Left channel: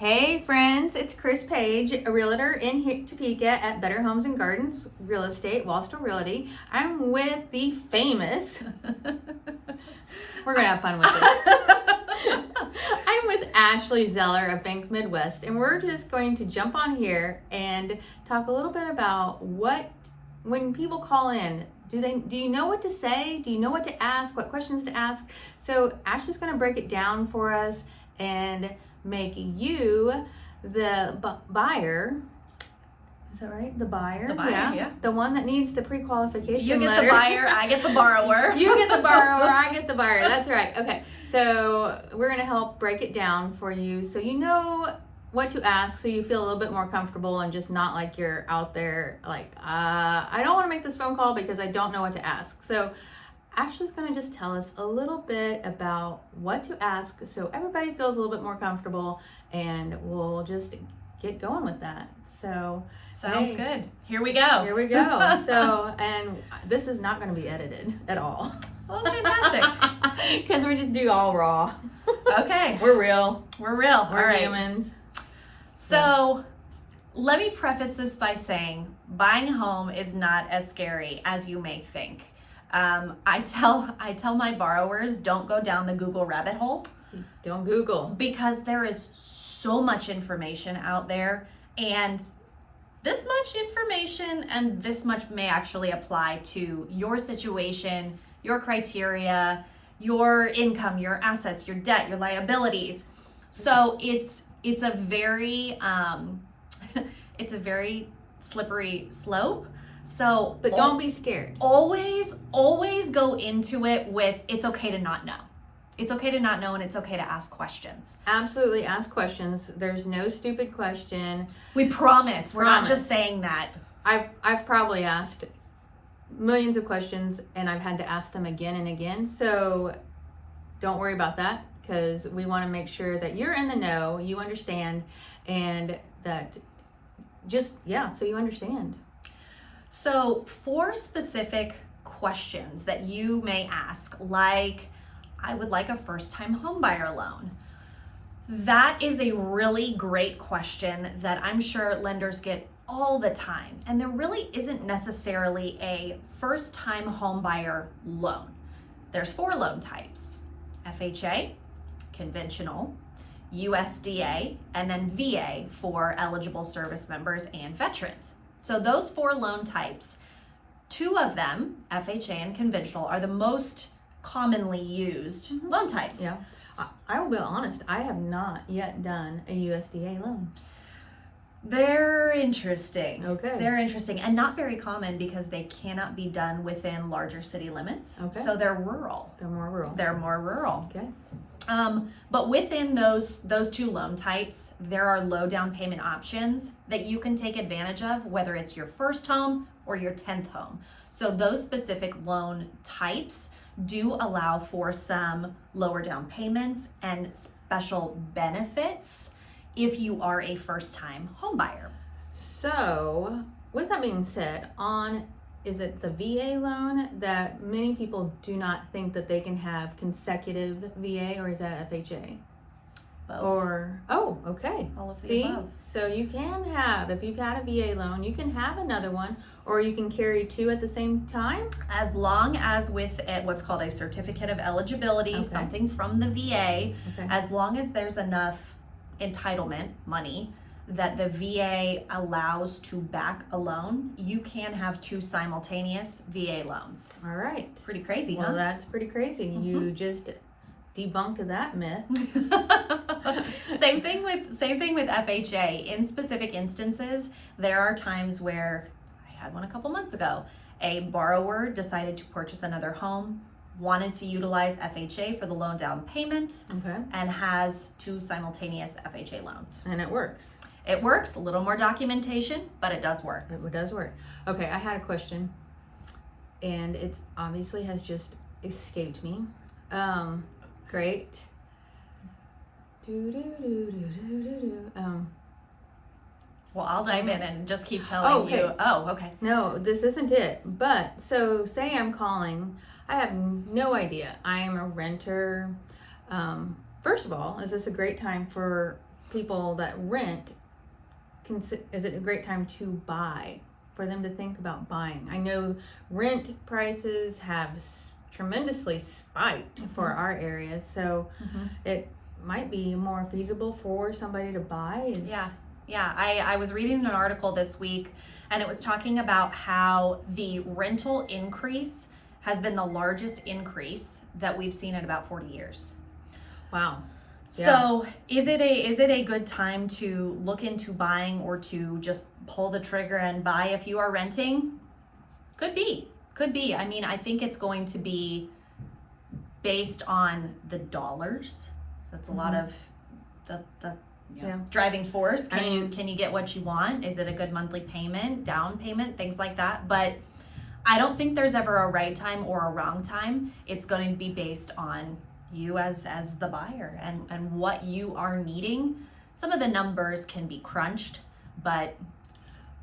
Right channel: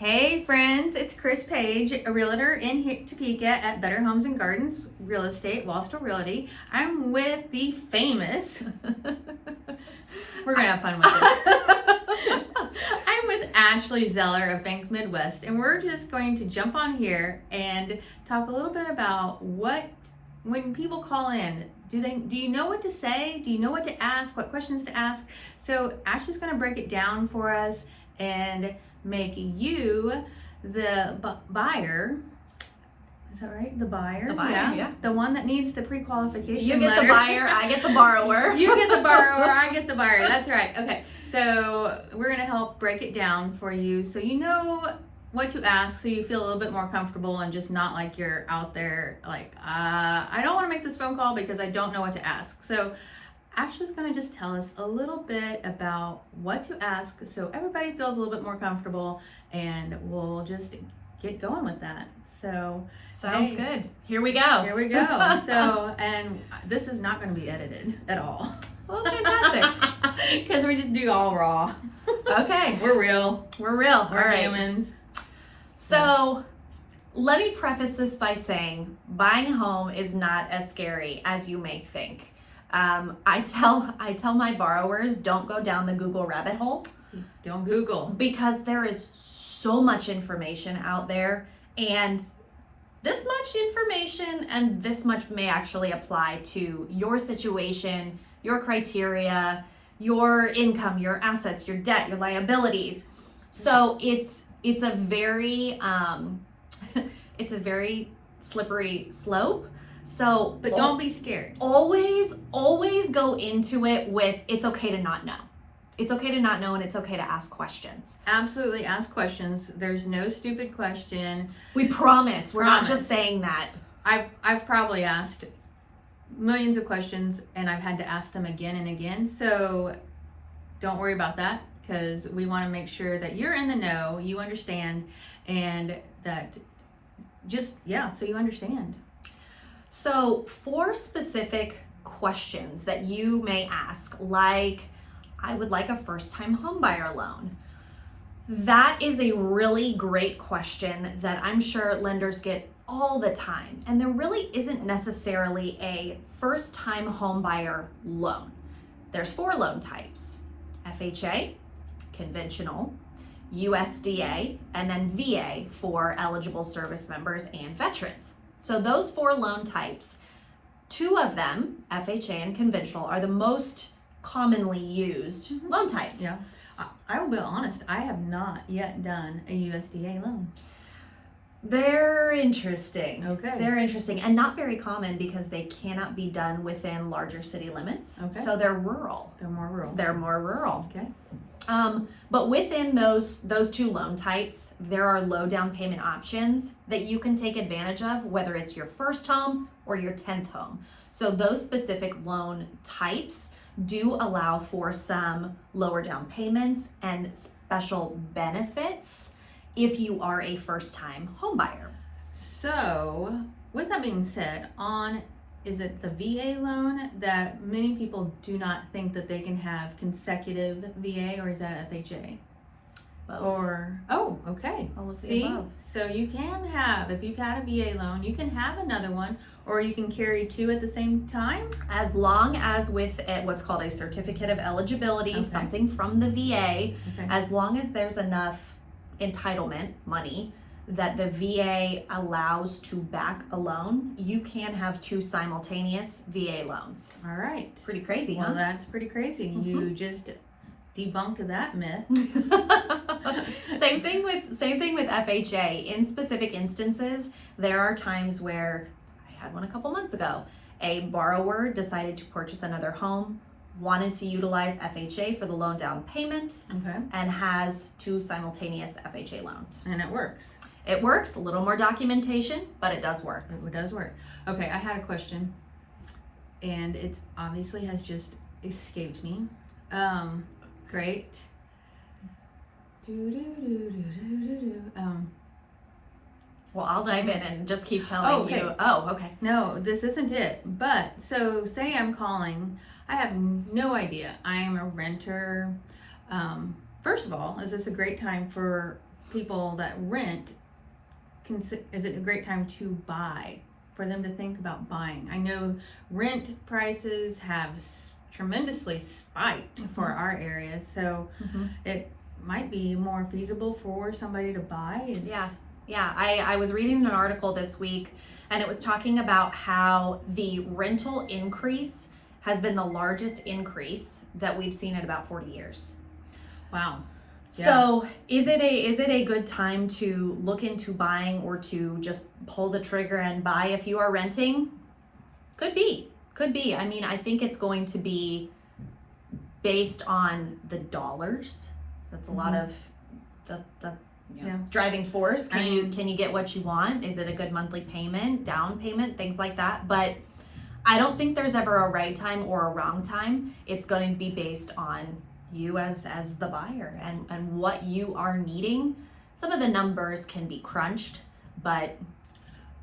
Hey friends, it's Chris Page, a realtor in Topeka at Better Homes and Gardens Real Estate, Wostal Realty. I'm with the famous, we're gonna have fun with this. I'm with Ashley Zeller of Bank Midwest, and we're just going to jump on here and talk a little bit about when people call in, do you know what to say? Do you know what to ask? What questions to ask? So Ashley's gonna break it down for us and make you the buyer. Is that right? The buyer? The buyer, yeah. The one that needs the pre-qualification You get letter. the buyer, I get the borrower. You get the borrower, I get the buyer. That's right. Okay, so we're going to help break it down for you so you know what to ask, so you feel a little bit more comfortable and just not like you're out there like, I don't want to make this phone call because I don't know what to ask. So Ashley's going to just tell us a little bit about what to ask so everybody feels a little bit more comfortable, and we'll just get going with that. So Sounds good. Here we go. Here we go. So, and this is not going to be edited at all. Well, fantastic. Because we just do all raw. Okay. We're real. We're real. We're All right. humans. So let me preface this by saying buying a home is not as scary as you may think. I tell my borrowers, don't go down the Google rabbit hole. Don't Google. Because there is so much information out there, and this much information and this much may actually apply to your situation, your criteria, your income, your assets, your debt, your liabilities. So it's a very it's a very slippery slope. So But don't be scared. Always go into it with, it's okay to not know. It's okay to not know, and it's okay to ask questions. Absolutely ask questions. There's no stupid question. We promise. We're not Promise. just saying that. I've probably asked millions of questions, and I've had to ask them again and again. So don't worry about that, because we want to make sure that you're in the know, you understand, and that so you understand. So for specific questions that you may ask, like, I would like a first-time homebuyer loan. That is a really great question that I'm sure lenders get all the time. And there really isn't necessarily a first-time homebuyer loan. There's 4 loan types: FHA, conventional, USDA, and then VA for eligible service members and veterans. So those 4 loan types, 2 of them, FHA and conventional, are the most commonly used loan types. Yeah. I will be honest, I have not yet done a USDA loan. They're interesting. Okay. They're interesting and not very common because they cannot be done within larger city limits. Okay. So they're rural. They're more rural. They're more rural. Okay. But within those 2 loan types, there are low down payment options that you can take advantage of, whether it's your first home or your 10th home. So those specific loan types do allow for some lower down payments and special benefits if you are a first time home buyer. So with that being said, is it the VA loan that many people do not think that they can have consecutive VA, or is that FHA? Both. Okay. All of the See? above. So you can have, if you've had a VA loan, you can have another one, or you can carry 2 at the same time. As long as with what's called a certificate of eligibility, Okay. something from the VA, Okay. as long as there's enough entitlement money that the VA allows to back a loan, you can have 2 simultaneous VA loans. All right. Pretty crazy, Well, huh? that's pretty crazy. You just debunked that myth. Same thing with FHA. In specific instances, there are times where, I had one a couple months ago, a borrower decided to purchase another home, wanted to utilize FHA for the loan down payment, Okay. and has 2 simultaneous FHA loans. And it works. It works, a little more documentation, but it does work. It does work. Okay, I had a question, and it obviously has just escaped me. Great. Well, I'll dive in and just keep telling Oh, okay. you. Oh, okay. No, this isn't it. But so say I'm calling, I have no idea. I am a renter. First of all, is this a great time for people that rent, is it a great time to buy, for them to think about buying? I know rent prices have tremendously spiked for our area, so it might be more feasible for somebody to buy. Yeah, I was reading an article this week, and it was talking about how the rental increase has been the largest increase that we've seen in about 40 years. Wow. Yeah. So is it a good time to look into buying, or to just pull the trigger and buy if you are renting? Could be. I mean, I think it's going to be based on the dollars. That's a lot of the driving force. Can you get what you want? Is it a good monthly payment, down payment, things like that? But I don't think there's ever a right time or a wrong time. It's going to be based on you as the buyer and what you are needing. Some of the numbers can be crunched, but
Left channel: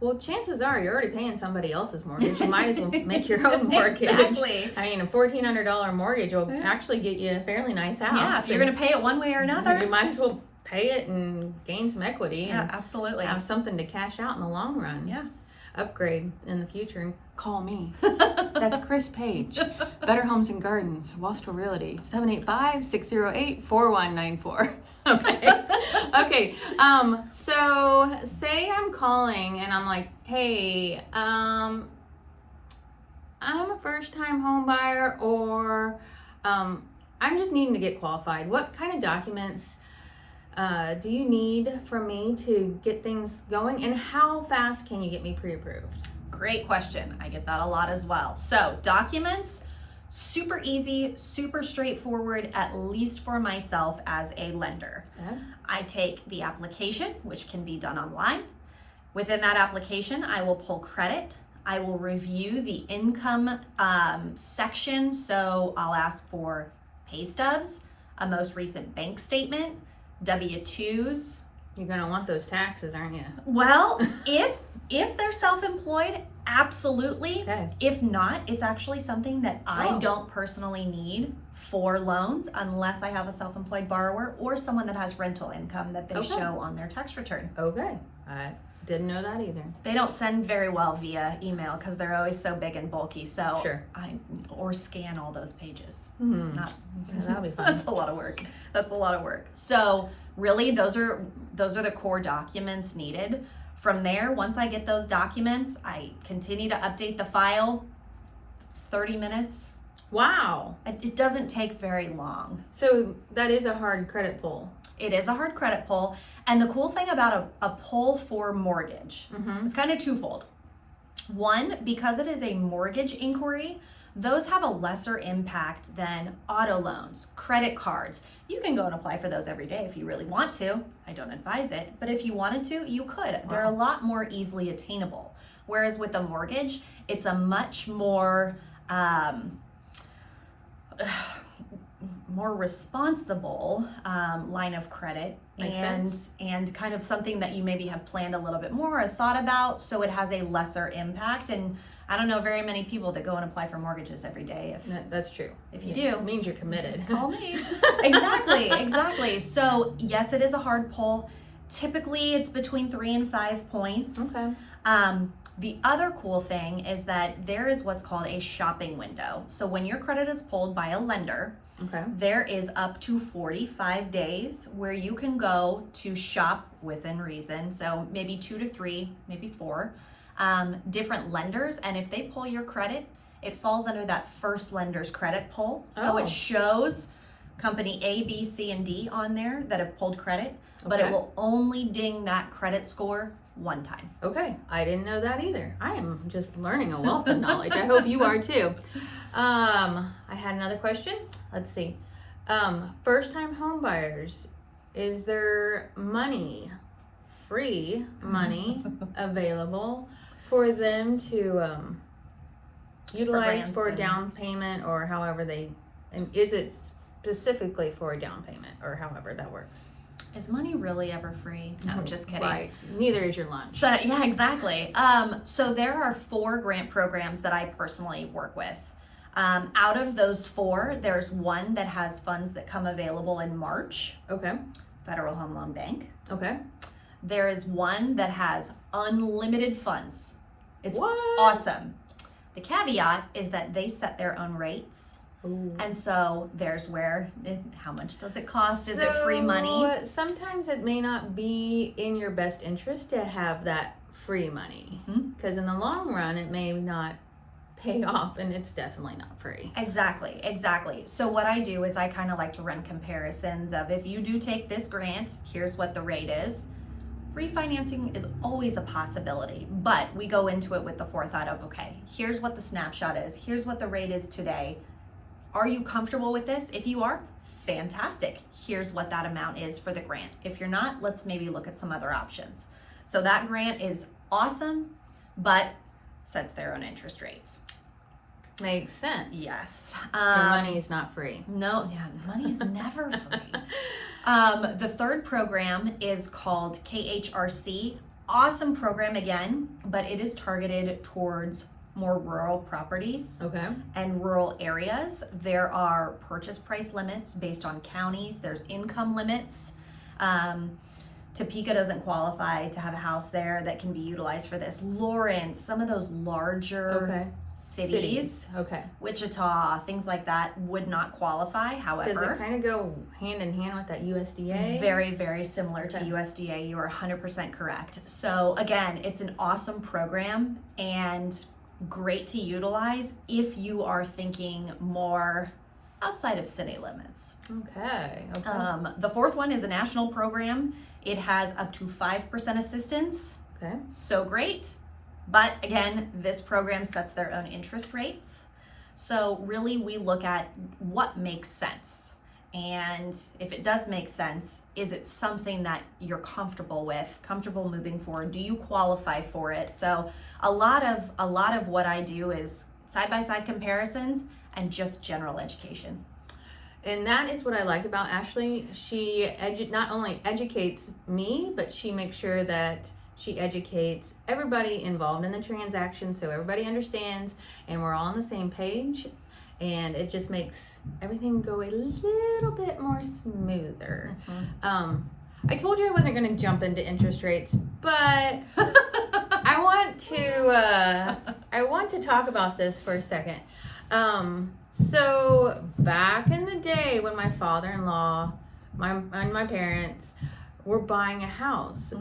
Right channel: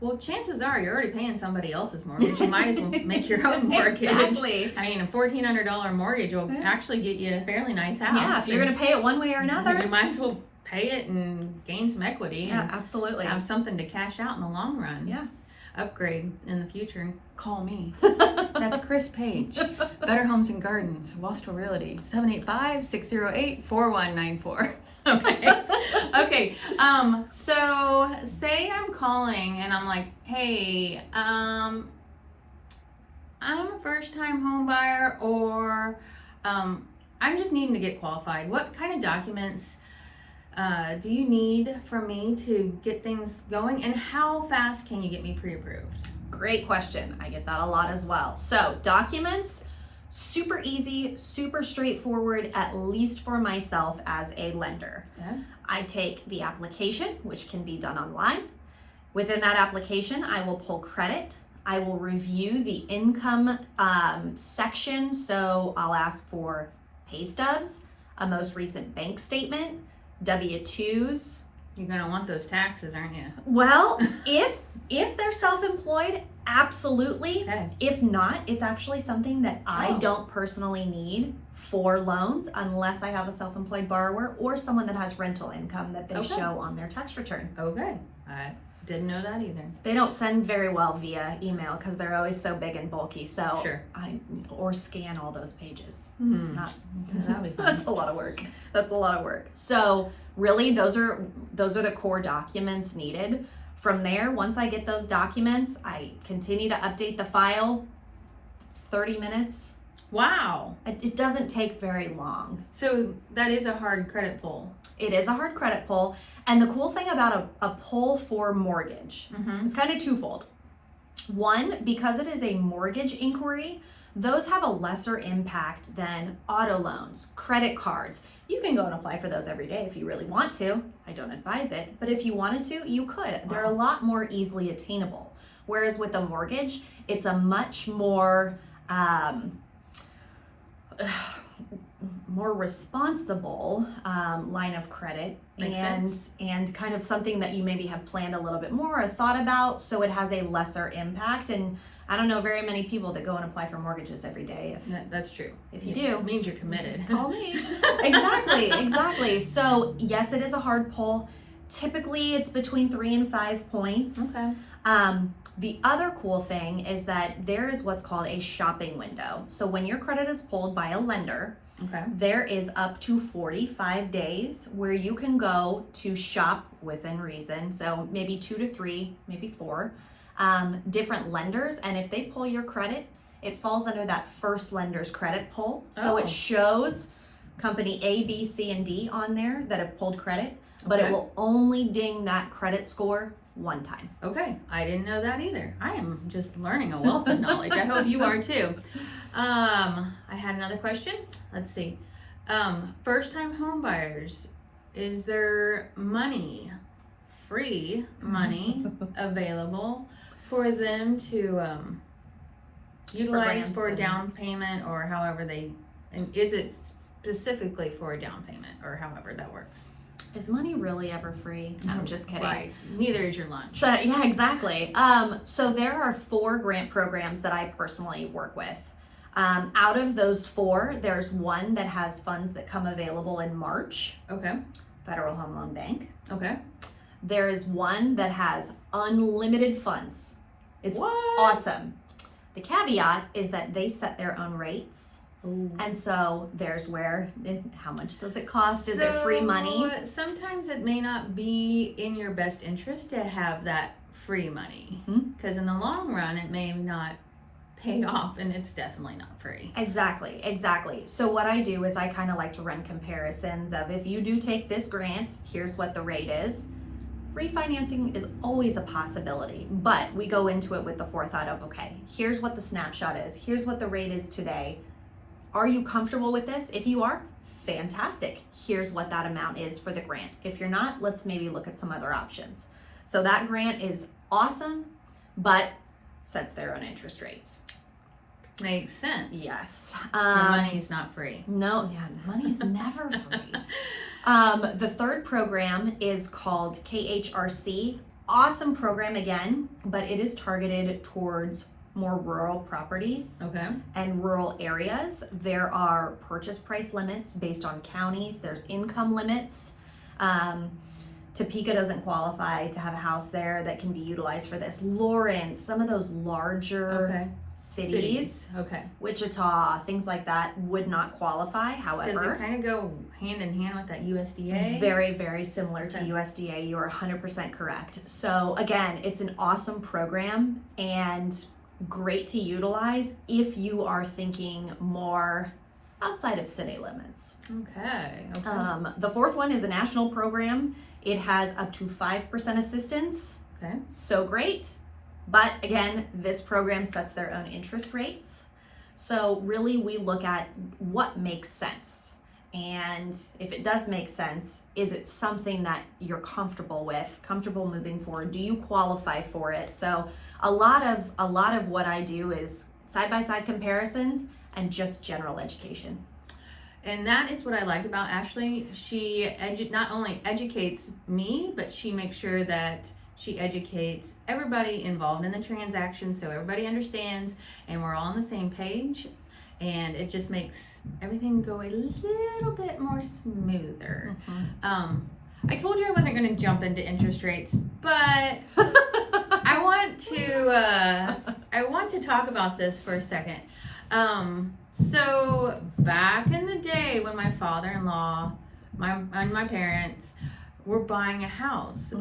well, chances are you're already paying somebody else's mortgage. You might as well make your own mortgage. Exactly. I mean, a $1,400 mortgage will actually get you a fairly nice house. Yeah, if you're going to pay it one way or another, you might as well pay it and gain some equity. Yeah, absolutely. Have something to cash out in the long run. Yeah. Upgrade in the future and call me. That's Chris Page, Better Homes and Gardens, Wostal Realty, 785-608-4194. Okay. So say I'm calling and I'm like, hey, I'm a first-time home buyer, or I'm just needing to get qualified. What kind of documents do you need from me to get things going, and how fast can you get me pre-approved? Great question. I get that a lot as well. So documents, super easy, super straightforward, at least for myself as a lender. Okay. I take the application, which can be done online. Within that application, I will pull credit. I will review the income section. So I'll ask for pay stubs, a most recent bank statement, W-2s. You're gonna want those taxes, aren't you? Well, if they're self-employed, absolutely. Okay. If not, it's actually something that I don't personally need for loans unless I have a self-employed borrower or someone that has rental income that they show on their tax return. Okay. I didn't know that either. They don't send very well via email because they're always so big and bulky. So or scan all those pages. That'll be fun. That's a lot of work. So really, those are the core documents needed. From there, once I get those documents, I continue to update the file. 30 minutes. Wow. It doesn't take very long. So that is a hard credit pull. It is a hard credit pull. And the cool thing about a pull for mortgage, it's kind of twofold. One, because it is a mortgage inquiry, those have a lesser impact than auto loans, credit cards. You can go and apply for those every day if you really want to. I don't advise it, but if you wanted to, you could. Wow. They're a lot more easily attainable. Whereas with a mortgage, it's a much more more responsible line of credit, and kind of something that you maybe have planned a little bit more or thought about, so it has a lesser impact. And I don't know very many people that go and apply for mortgages every day. That's true. If you do, it means you're committed. Call me. Exactly. So yes, it is a hard pull. Typically, it's between 3 and 5 points. Okay. The other cool thing is that there is what's called a shopping window. So when your credit is pulled by a lender, there is up to 45 days where you can go to shop within reason. So maybe 2 to 3, maybe 4 different lenders. And if they pull your credit, it falls under that first lender's credit pull. So it shows company A, B, C, and D on there that have pulled credit, but it will only ding that credit score one time. Okay, I didn't know that either. I am just learning a wealth of knowledge. I hope you are too. I had another question. Let's see. First-time home buyers, is there free money available for them to utilize for a down payment, or however and is it specifically for a down payment, or however that works? Is money really ever free? No, I'm just kidding. Right. Neither is your lunch. So yeah, exactly. So there are 4 grant programs that I personally work with. Out of those 4, there's one that has funds that come available in March. Okay. Federal Home Loan Bank. Okay. There is one that has unlimited funds. It's What? awesome. The caveat is that they set their own rates. Ooh. And so there's where, how much does it cost? Is it free money? Sometimes it may not be in your best interest to have that free money, because in the long run it may not pay off, and it's definitely not free. Exactly. So what I do is I kind of like to run comparisons of, if you do take this grant, here's what the rate is. Refinancing is always a possibility, but we go into it with the forethought of, okay, here's what the snapshot is. Here's what the rate is today. Are you comfortable with this? If you are, fantastic. Here's what that amount is for the grant. If you're not, let's maybe look at some other options. So that grant is awesome, but sets their own interest rates. Makes sense. Yes. Your money's not free. No, money is never free. The third program is called KHRC. Awesome program again, but it is targeted towards more rural properties and rural areas. There are purchase price limits based on counties. There's income limits. Topeka doesn't qualify to have a house there that can be utilized for this. Lawrence, some of those larger cities, Wichita, things like that would not qualify. However, does it kind of go hand in hand with that USDA? Very, very similar to USDA. You are 100% correct. So again, it's an awesome program and great to utilize if you are thinking more outside of city limits. Okay. The fourth one is a national program. It has up to 5% assistance. Okay. So great. But again, this program sets their own interest rates. So really we look at what makes sense. And if it does make sense, is it something that you're comfortable with, comfortable moving forward? Do you qualify for it? So a lot of what I do is side-by-side comparisons and just general education. And that is what I like about Ashley. She not only educates me, but she makes sure that she educates everybody involved in the transaction, so everybody understands and we're all on the same page. And it just makes everything go a little bit more smoother. I told you I wasn't going to jump into interest rates, but I want to talk about this for a second. So back in the day when my father-in-law and my parents were buying a house,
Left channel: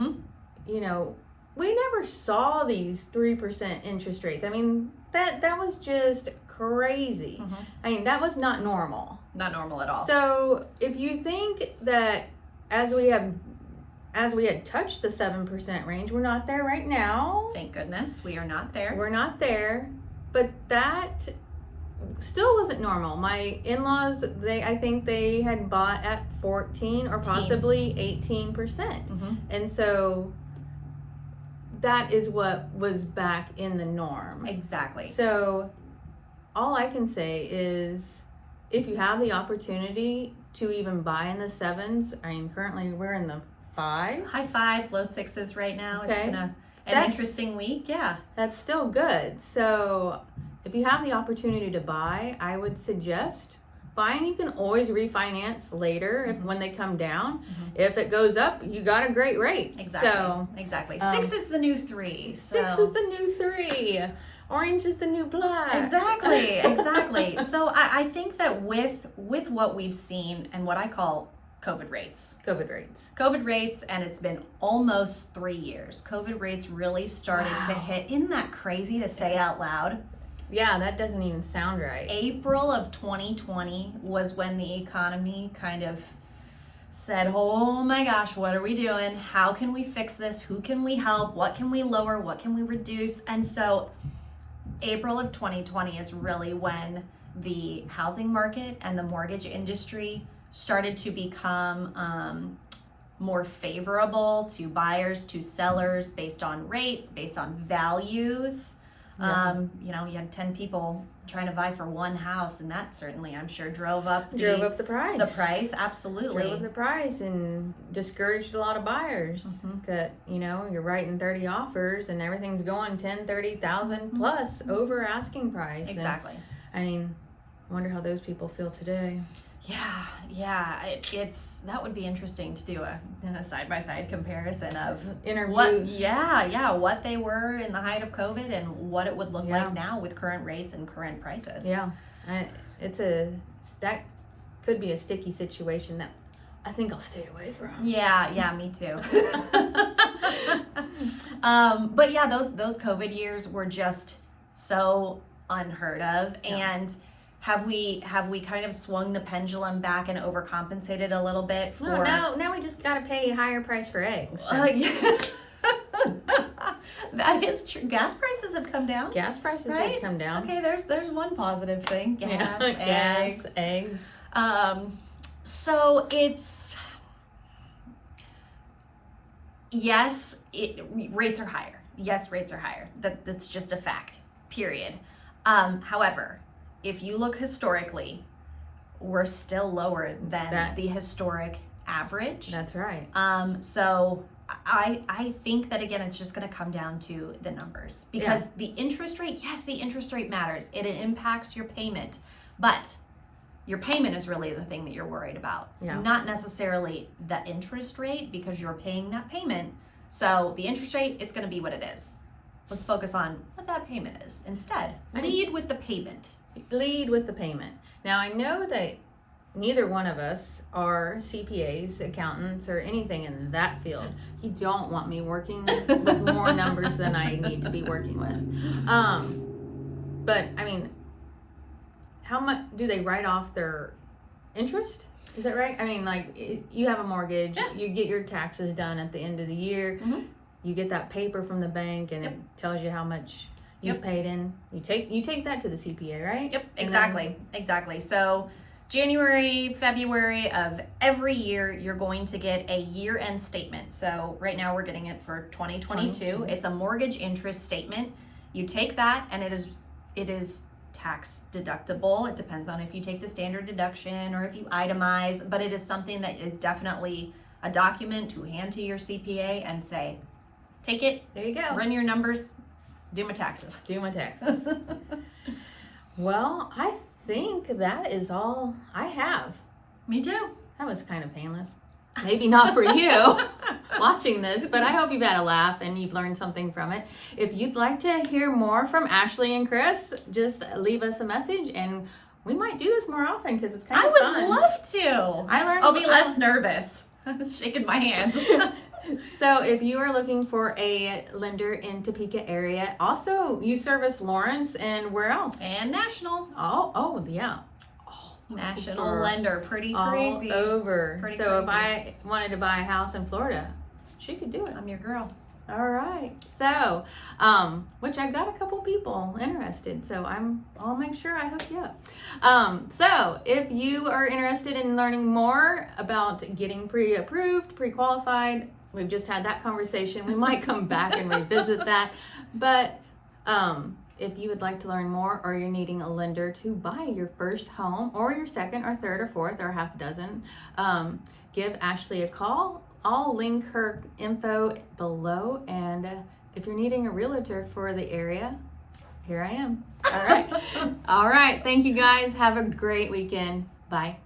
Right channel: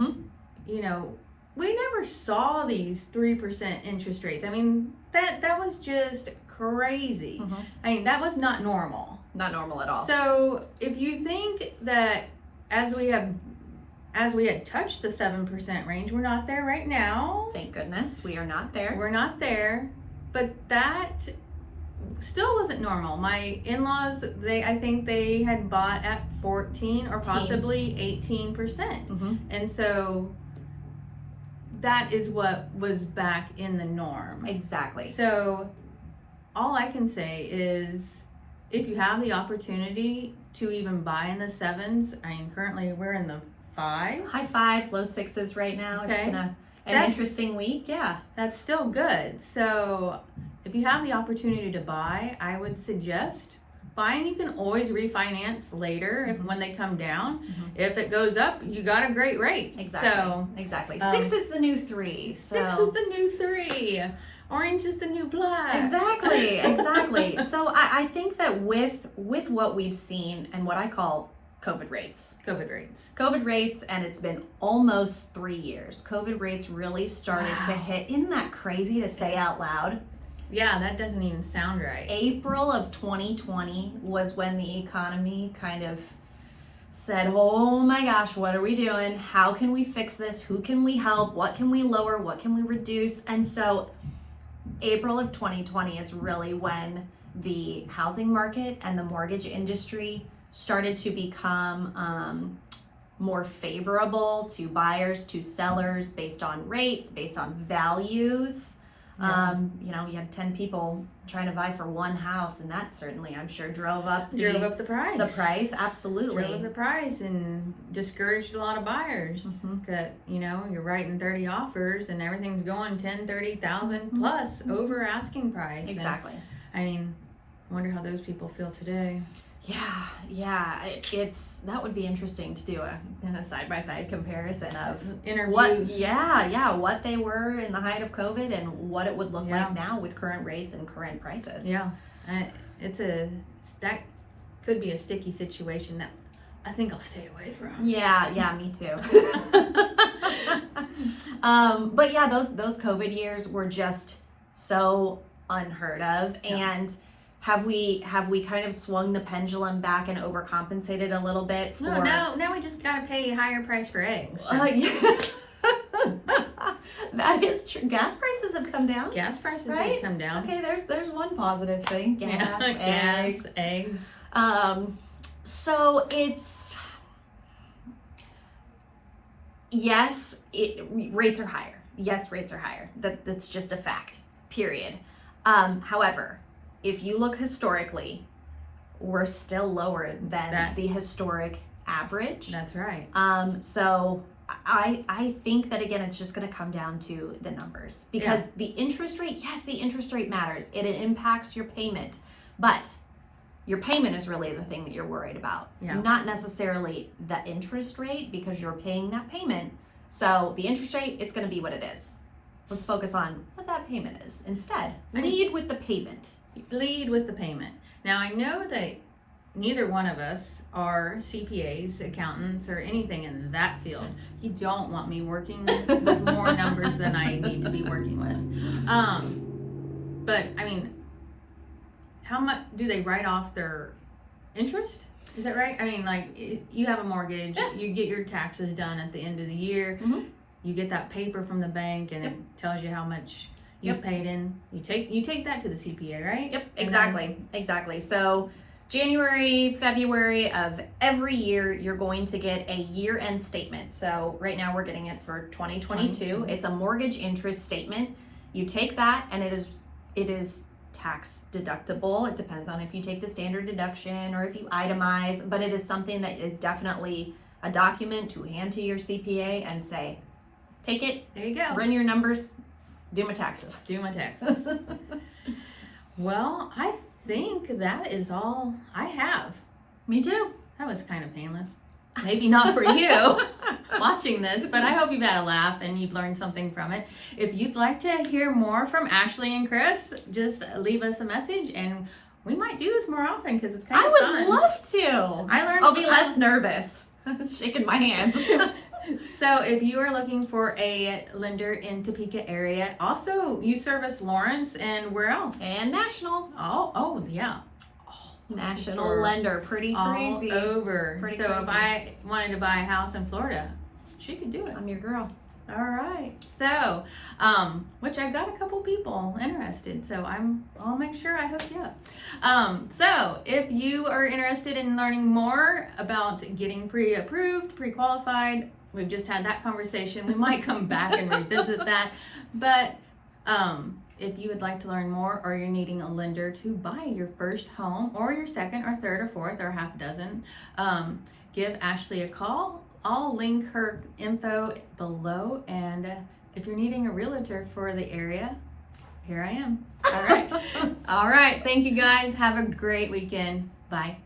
you know, we never saw these 3% interest rates. I mean, that was just crazy. I mean, that was not normal. Not normal at all. So if you think that as we had touched the 7% range, we're not there right now. Thank goodness we are not there. We're not there, but that still wasn't normal. My in-laws, I think they had bought at 14 or possibly 18%. And so that is what was back in the norm. Exactly. So all I can say is if you have the opportunity to even buy in the 7s, I mean, currently we're in the 5s. High 5s, low 6s right now. It's been an interesting week. Yeah. That's still good. So if you have the opportunity to buy, I would suggest buying. You can always refinance later when they come down. If it goes up, you got a great rate. Exactly. So, exactly. 6 is the new 3. So. 6 is the new 3. Orange is the new black. Exactly. So I think that with what we've seen and what I call COVID rates, and it's been almost 3 years. COVID rates really started to hit. Isn't that crazy to say out loud? Yeah, that doesn't even sound right. April of 2020 was when the economy kind of said, oh my gosh, what are we doing? How can we fix this? Who can we help? What can we lower? What can we reduce? And so April of 2020 is really when the housing market and the mortgage industry started to become more favorable to buyers, to sellers, based on rates, based on values. You know, you had 10 people trying to buy for one house, and that certainly, I'm sure, drove up the price. The price, absolutely. Drove up the price and discouraged a lot of buyers. That, you know, you're writing 30 offers and everything's going 10, 30,000 plus over asking price. Exactly. And, I mean, I wonder how those people feel today. Yeah. It's that would be interesting to do a side-by-side comparison of Interview. what they were in the height of COVID and what it would look like now with current rates and current prices. Yeah, that could be a sticky situation that I think I'll stay away from. Yeah, me too. But yeah, those COVID years were just so unheard of, and have we kind of swung the pendulum back and overcompensated a little bit for? No, now we just got to pay a higher price for eggs. Yeah. That is true. Gas prices have come down. Gas prices Right? have come down. Okay, there's one positive thing. Gas, eggs. So it's yes, rates are higher. Yes, rates are higher. That's just a fact. Period. However, if you look historically, we're still lower than the historic average. That's right. So I think that, again, it's just going to come down to the numbers, because the interest rate, yes, the interest rate matters. It impacts your payment, but your payment is really the thing that you're worried about, not necessarily the interest rate, because you're paying that payment. So the interest rate, it's going to be what it is. Let's focus on what that payment is instead. Lead with the payment. Lead with the payment. Now, I know that neither one of us are CPAs, accountants, or anything in that field. You don't want me working with more numbers than I need to be working with. But I mean, how much do they write off their interest? Is that right? I mean, like, you have a mortgage, you get your taxes done at the end of the year. You get that paper from the bank, and it tells you how much you've paid in. You take that to the CPA, right? Yep, exactly. So January, February of every year, you're going to get a year-end statement. So right now we're getting it for 2022. It's a mortgage interest statement. You take that, and it is tax deductible. It depends on if you take the standard deduction or if you itemize, but it is something that is definitely a document to hand to your CPA and say, take it, there you go, run your numbers, do my taxes. Well, I think that is all I have. Me too. That was kind of painless. Maybe not for you watching this, but I hope you've had a laugh and you've learned something from it. If you'd like to hear more from Ashley and Chris, just leave us a message, and we might do this more often because it's kind of fun. I would love to. I'll be less nervous. Shaking my hands. So if you are looking for a lender in Topeka area, also you service Lawrence and where else? And National. Oh yeah. National lender. Pretty crazy. All over. Pretty so crazy. If I wanted to buy a house in Florida, she could do it. I'm your girl. All right. So, which I got a couple people interested, so I'll make sure I hook you up. So if you are interested in learning more about getting pre-approved, pre-qualified, we've just had that conversation. We might come back and revisit that. But if you would like to learn more, or you're needing a lender to buy your first home, or your second or third or fourth or half dozen, give Ashley a call. I'll link her info below, and if you're needing a realtor for the area, here I am. All right. All right. Thank you guys. Have a great weekend. Bye.